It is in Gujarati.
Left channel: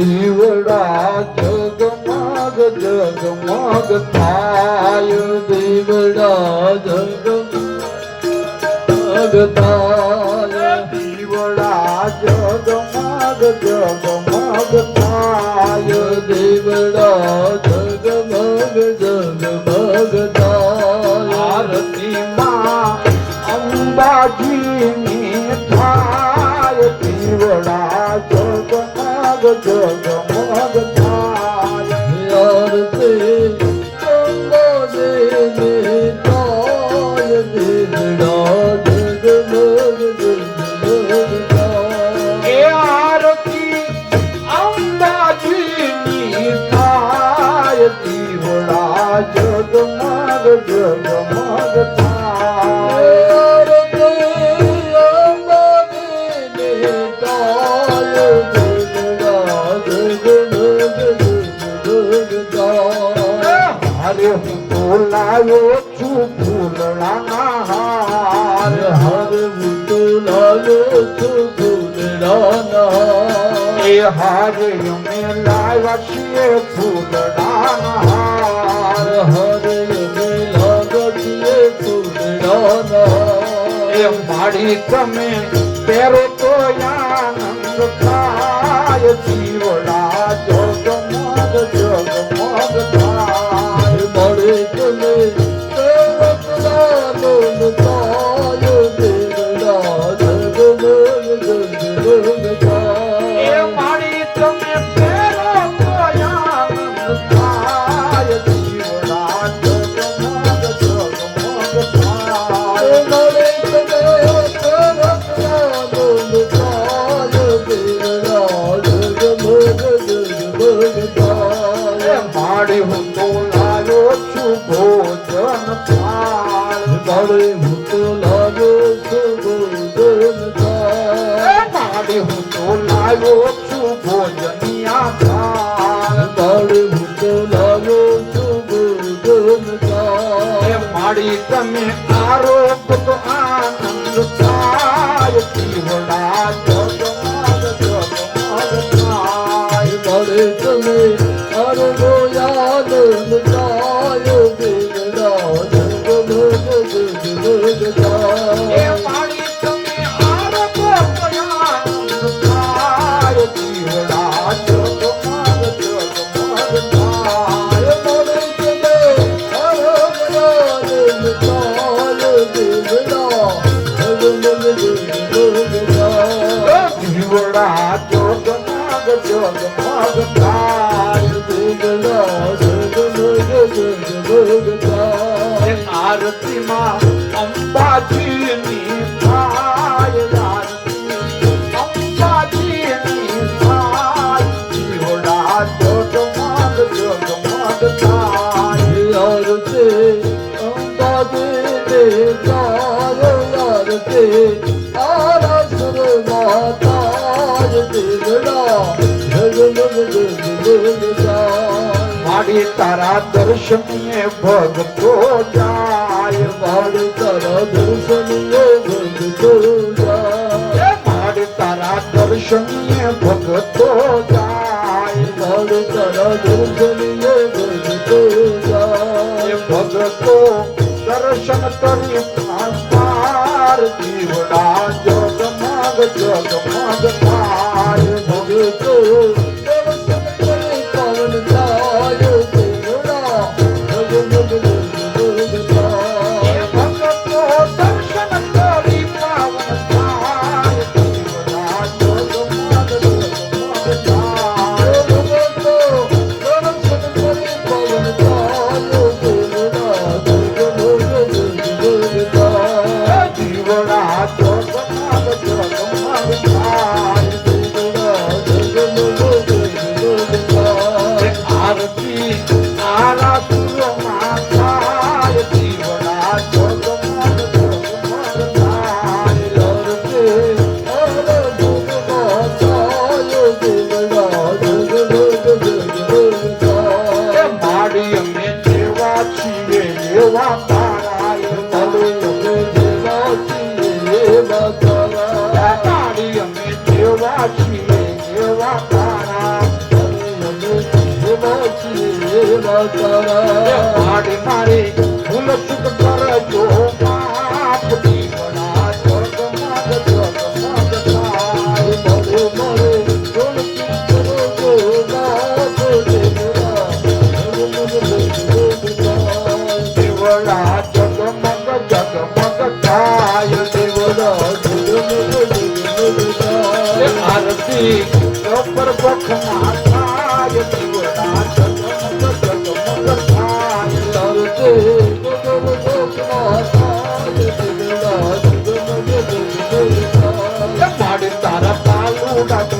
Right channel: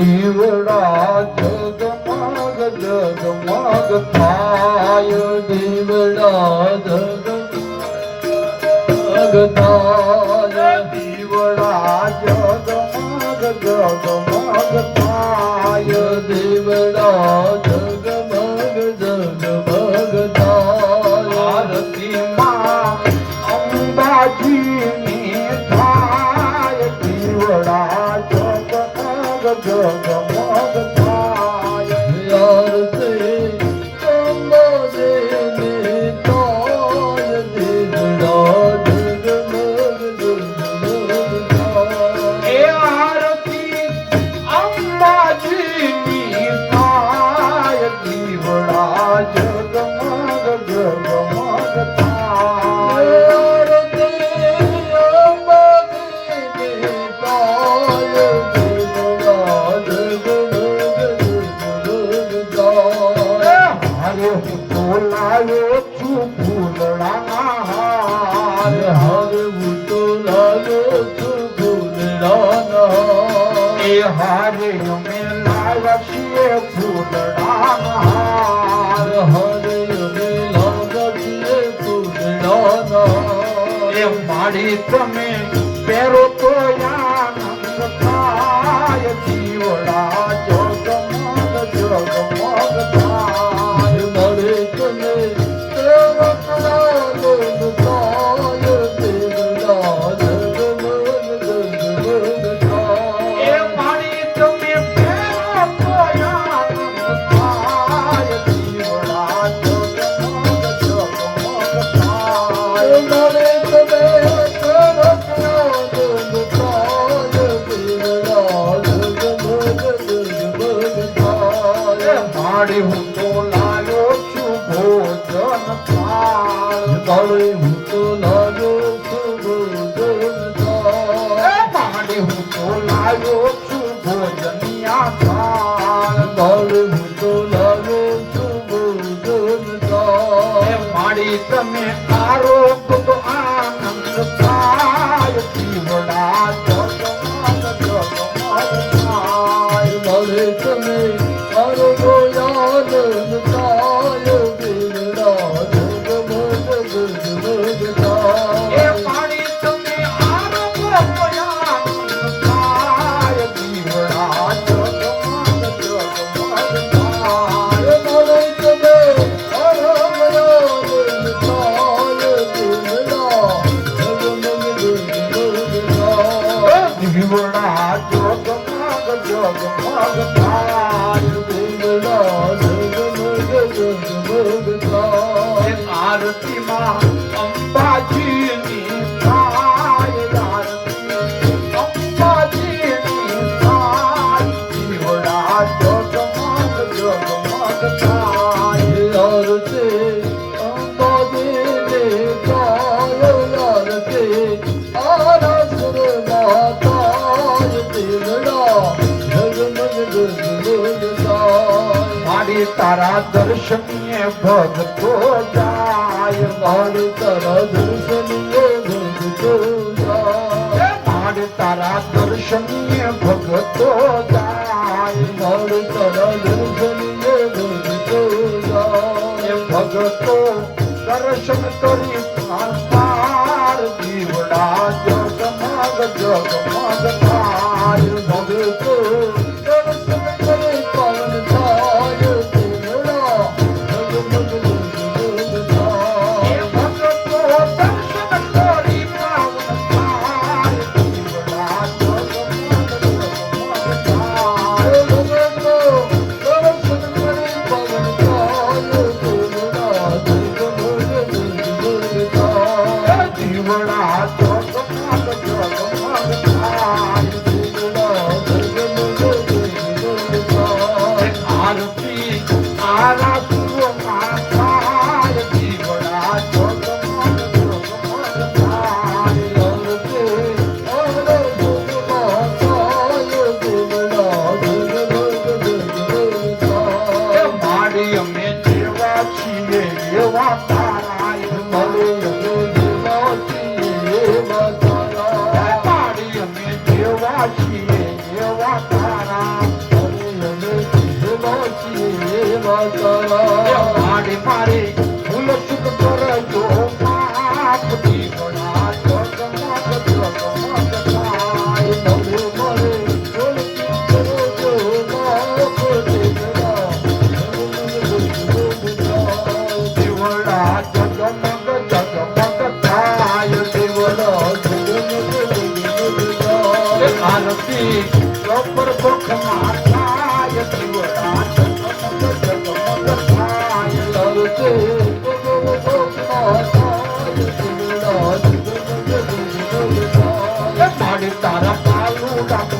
દીવડા જગમગ જગમગ થાય દીવડા જગમગ થાય દીવડા જગમગ જગમગ થાય દીવડા જગમગ જગમગ થાય આરતીમાં અંબાજીની થાય દીવડા જગમગ જગમગ થાય આરતી અંબાજીની થાય દીવડા જગમગ જગમગ થાય એ આરતી અંબાજીની થાય દીવડા જગમગ જગમગ થાય લાયો છું ફૂલના હાર હર તો લાયો છું ફૂલના એ હારે મે લાવ્યા છીએ ફૂલના હાર હરે મે લાવ્યા છીએ ફૂલના એ માડી તમે પહેરો તો આનંદ થાય જીવડા જગમગ જગમગ થાય મળે તમે માડી હું તો લાવ્યો છું ભોજન થાળ માડી હું તો લાવ્યો છું ભોજન થાળ માડી હું તો લાવ્યો છું ભોજનિયા થાળ માડી હું તો લાવ્યો છું ભોજન થાળ માડી તમે આરો તો આનંદ થાય જીવડા જગમગ જગમગ થાય મળે તમે આરતીમાં અંબાજીની થાય આરતી અંબાજીની થાય જીવડા જગમગ જગમગ થાય આરતી અંબાજીની થાય આરતી આરાસનમાં થાય જીવડા જગમગ જગમગ થાય માડી તારા દર્શનીય ભગતો જાય માડી તારા દર્શનીય ભગતો જાય માડી તારા દર્શનીય ભગતો જાય માડી તારા દર્શનીય ભગતો જાય ભગતો દર્શન કરી પ્રાણ દીવડા જગમગ જગમગ થાય ભગતો ની ઉપર ભોખમાં થાય દીવડા જગમગ થાય લવકે માડી તારા પાલુડા